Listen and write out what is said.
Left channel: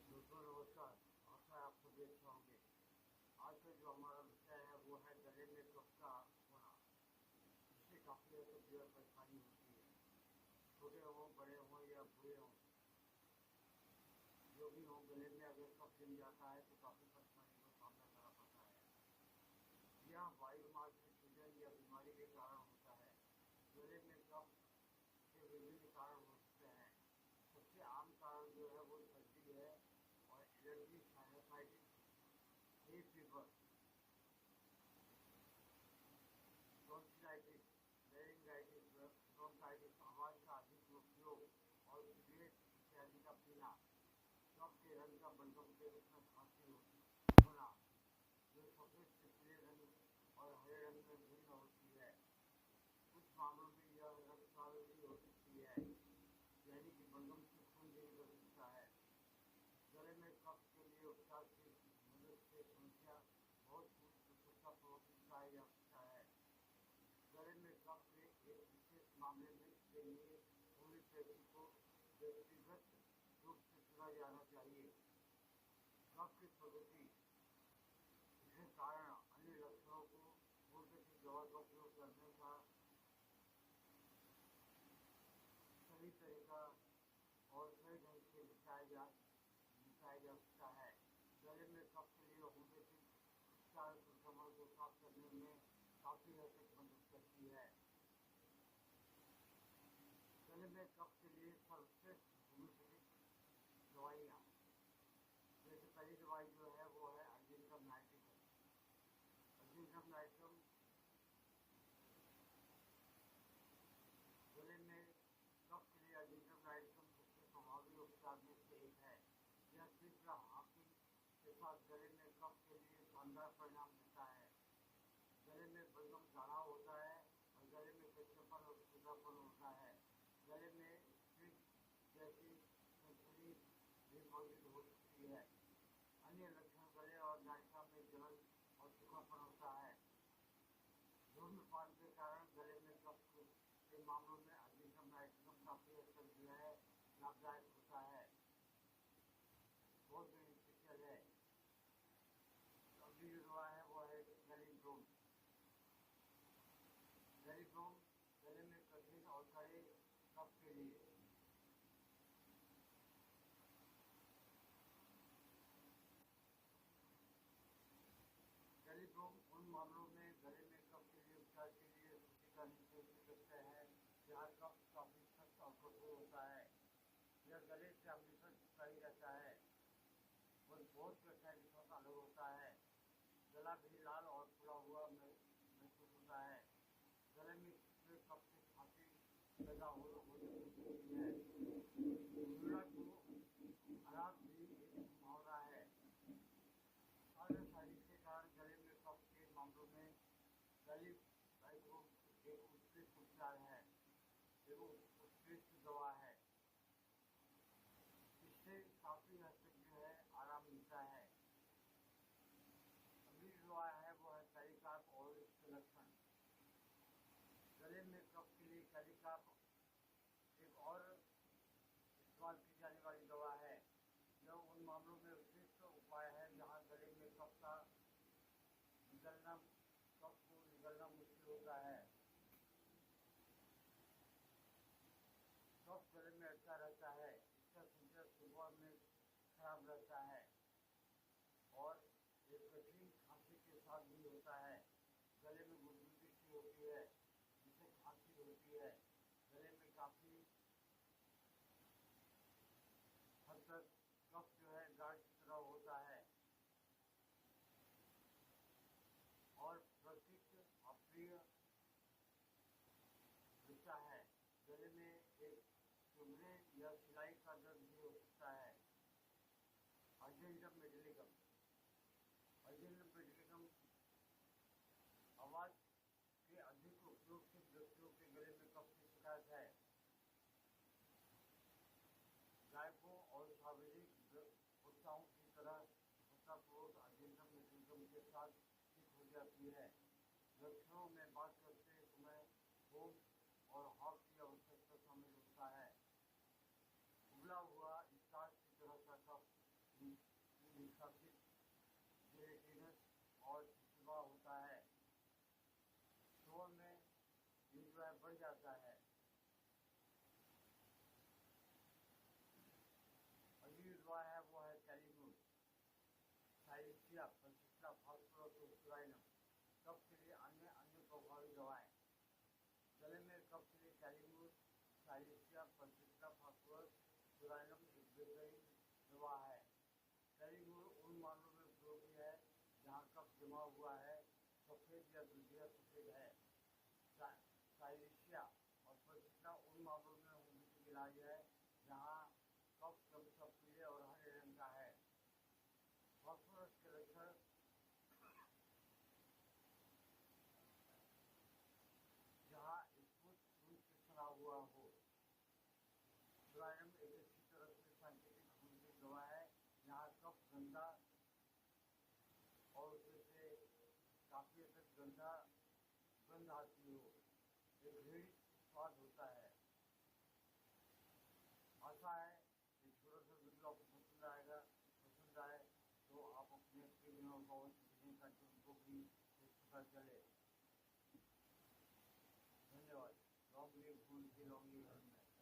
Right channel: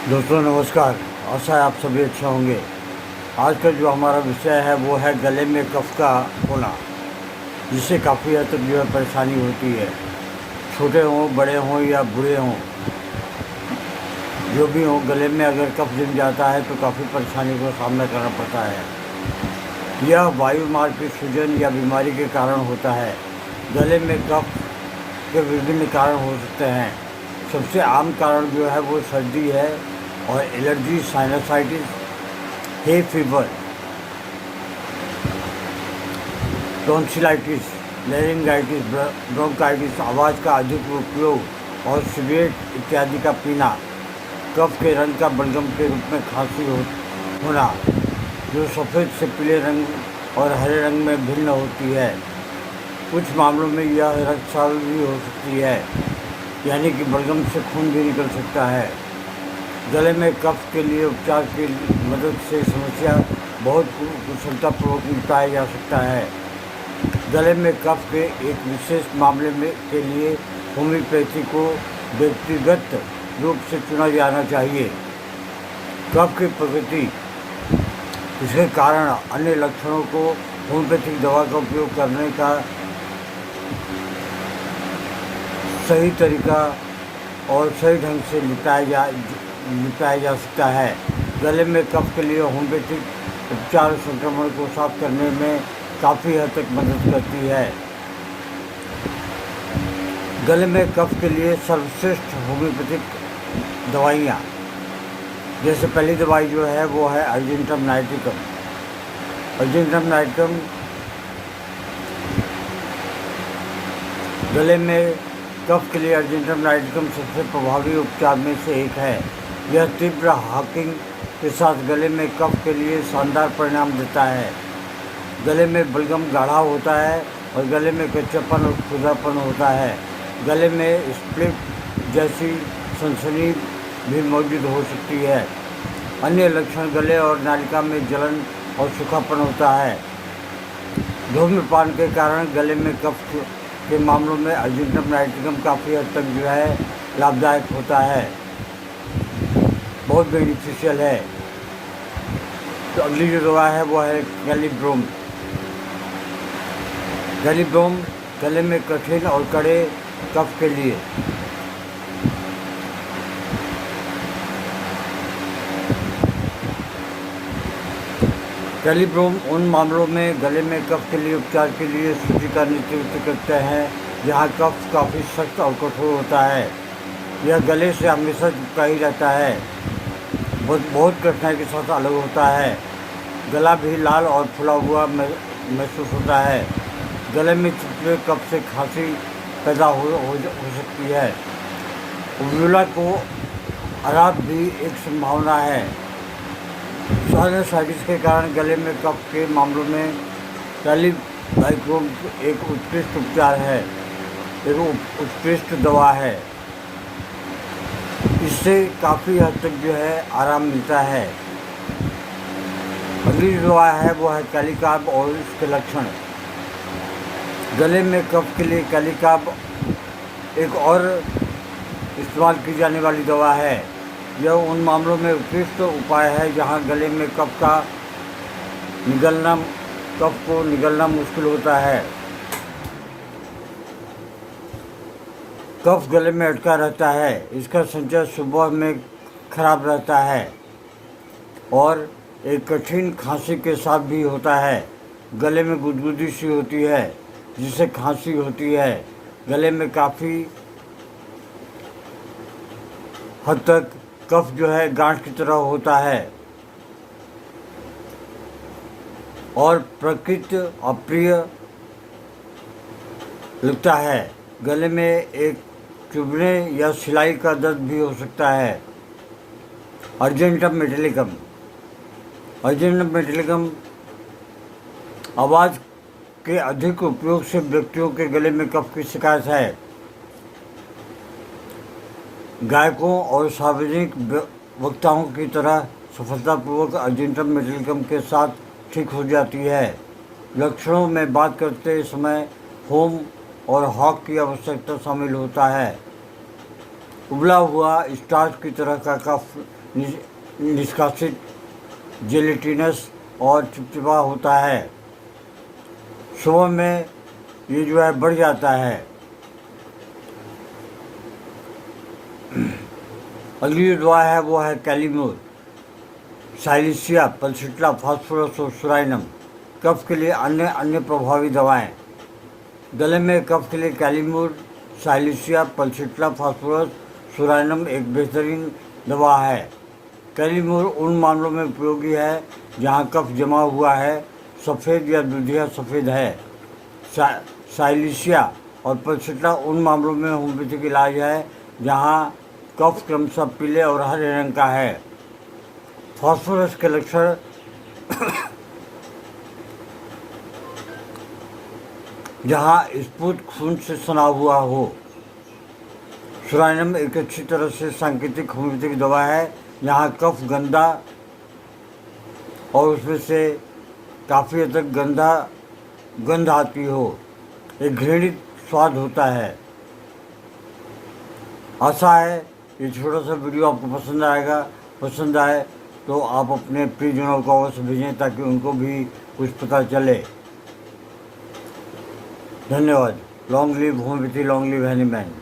दोस्तों नमस्कार। आशा है आप सभी अच्छे होंगे। आज का जो हमारा विषय है वो है गले में कफ का होना, जिससे काफ़ी हद तक जो है परेशानी होती है। छोटे हों, बड़े हों या बूढ़े हों, जो भी हों, गले में अगर कफ जम जाता है तो काफ़ी परेशानी का सामना करना पड़ता है। यह वायु मार्ग की सूजन या बीमारी के कारण होता है। गले में कफ के विभिन्न कारण हो सकते हैं। सबसे आम कारण जो है वो सर्दी है और allergy, sinusitis, hay fever, tonsillitis, laryngitis, bronchitis, आवाज़ का अधिक उपयोग और सिगरेट इत्यादि का पीना, कफ के रंग का बलगम के रूप में खांसी होना, जो सफ़ेद से पीले रंग और हरे रंग में भिन्न होती है। कुछ मामलों में यह रक्तस्राव भी हो सकती है, यानी कि बलगम से खून भी निकल सकता है। गले में कफ के लिए उपचार की मदद से समस्या बहुत कुशलतापूर्वक निपटाया जा सकता है। गले में कफ के एक विशेष मामले में के लिए होम्योपैथी को व्यक्तिगत रूप से चुना जाना चाहिए। कफ की प्रकृति, इसके कारण अन्य लक्षणों को होम्योपैथिक दवा का उपयोग करने का सही तरीका और सही ढंग से निपटाया जा सकता है। गले में कफ के लिए होम्योपैथिक उपचार संक्रमण को साफ करने में काफ़ी हद तक मदद करती है। गले में कफ के लिए सर्वश्रेष्ठ होम्योपैथिक दवाइयाँ, जैसे पहली दवाई जो है वो है अर्जेंटम नाइट्रिकम। अर्जेंटम नाइट्रिकम गले में कफ के लिए अर्जेंटम नाइट्रिकम सबसे प्रभावी उपचार में से एक है। यह तीव्र हाकिंग के साथ गले में कफ के लिए शानदार परिणाम देता है। गले में बलगम गाढ़ा होता है और गले में कच्चापन और खुरदरापन होता है। गले में स्प्लिट जैसी सनसनी भी मौजूद हो सकती है। अन्य लक्षण गले और नालिका में जलन और सूखापन होता है। धूम्रपान के कारण गले में कफ के मामलों में अर्जेंटम नाइट्रिकम काफ़ी हद तक जो है लाभदायक होता है, बहुत बेनिफिशियल है। तो अगली जो दवा है वो है कैलिब्रोम। कैलिब्रोम गले में कठिन और कड़े कफ के लिए कैलिब्रोम उन मामलों में गले में कफ के लिए उपचार के लिए सूची का नेतृत्व करते हैं जहां कफ काफ़ी सख्त और कठोर होता है। यह गले से हमेशा चिपका ही रहता है, बहुत कठिनाई के साथ अलग होता है। गला भी लाल और फुला हुआ महसूस होता है। गले में चिपके कफ से खांसी पैदा हो सकती है। उवुला को आराप भी एक संभावना है। साइनसाइटिस के कारण गले में कफ के मामलों में कैलिब्रोम एक उत्कृष्ट उपचार है, एक उत्कृष्ट दवा है। इससे काफ़ी हद तक जो है आराम मिलता है। अगली दवा है वो है कैलिकार्ब और इसके लक्षण। गले में कफ के लिए कैलिकार्ब एक और इस्तेमाल की जाने वाली दवा है। यह उन मामलों में उत्कृष्ट उपाय है जहां गले में कफ को निगलना मुश्किल होता है। कफ गले में अटका रहता है, इसका संचय सुबह में खराब रहता है और एक कठिन खांसी के साथ भी होता है। गले में गुदगुदी सी होती है जिससे खांसी होती है। गले में काफ़ी हद तक कफ जो है गांठ की तरह होता है और प्रकृति अप्रिय लगता है। गले में एक चुभने या सिलाई का दर्द भी हो सकता है। Argentum metallicum. अर्जेंटम मेटालिकम आवाज़ के अधिक उपयोग से व्यक्तियों के गले में कफ की शिकायत है। गायकों और सार्वजनिक वक्ताओं की तरह सफलतापूर्वक अर्जेंटम मेटालिकम के साथ ठीक हो जाती है। लक्षणों में बात करते समय होम और हॉक की आवश्यकता शामिल होता है। उबला हुआ स्टार्च की तरह का कफ निष्कासित जेलेटिनस और चिपचिपा होता है। सुबह में ये जो है बढ़ जाता है। अगली जो दवा है वो है कैलीमूर, साइलिसिया, पल्सिट्ला, फास्फोरस और सुराइनम। कफ के लिए अन्य प्रभावी दवाएं। गले में कफ के लिए कैलीमूर, साइलिसिया, पल्सिट्ला, फास्फोरस, सुराइनम एक बेहतरीन दवा है। कैलीमूर उन मामलों में उपयोगी है जहां कफ जमा हुआ है, सफ़ेद या दूधिया सफ़ेद है। साइलिसिया और पल्सिट्ला उन मामलों में होम्योपैथिक इलाज है जहां कफ क्रमशः पीले और हरे रंग का है। फास्फोरस के लक्षण जहां स्फुट खून से सना हुआ हो। सुराइनम एक अच्छी तरह से सांकेतिक होम्योपैथिक दवा है जहां कफ गंदा और उसमें से काफ़ी हद तक गंध आती हो, एक घृणित स्वाद होता है। आशा है ये छोटा सा वीडियो आपको पसंद आए तो आप अपने प्रियजनों को अवश्य भेजें ताकि उनको भी कुछ पता चले। धन्यवाद। Long live homeopathy, long live Hahnemann.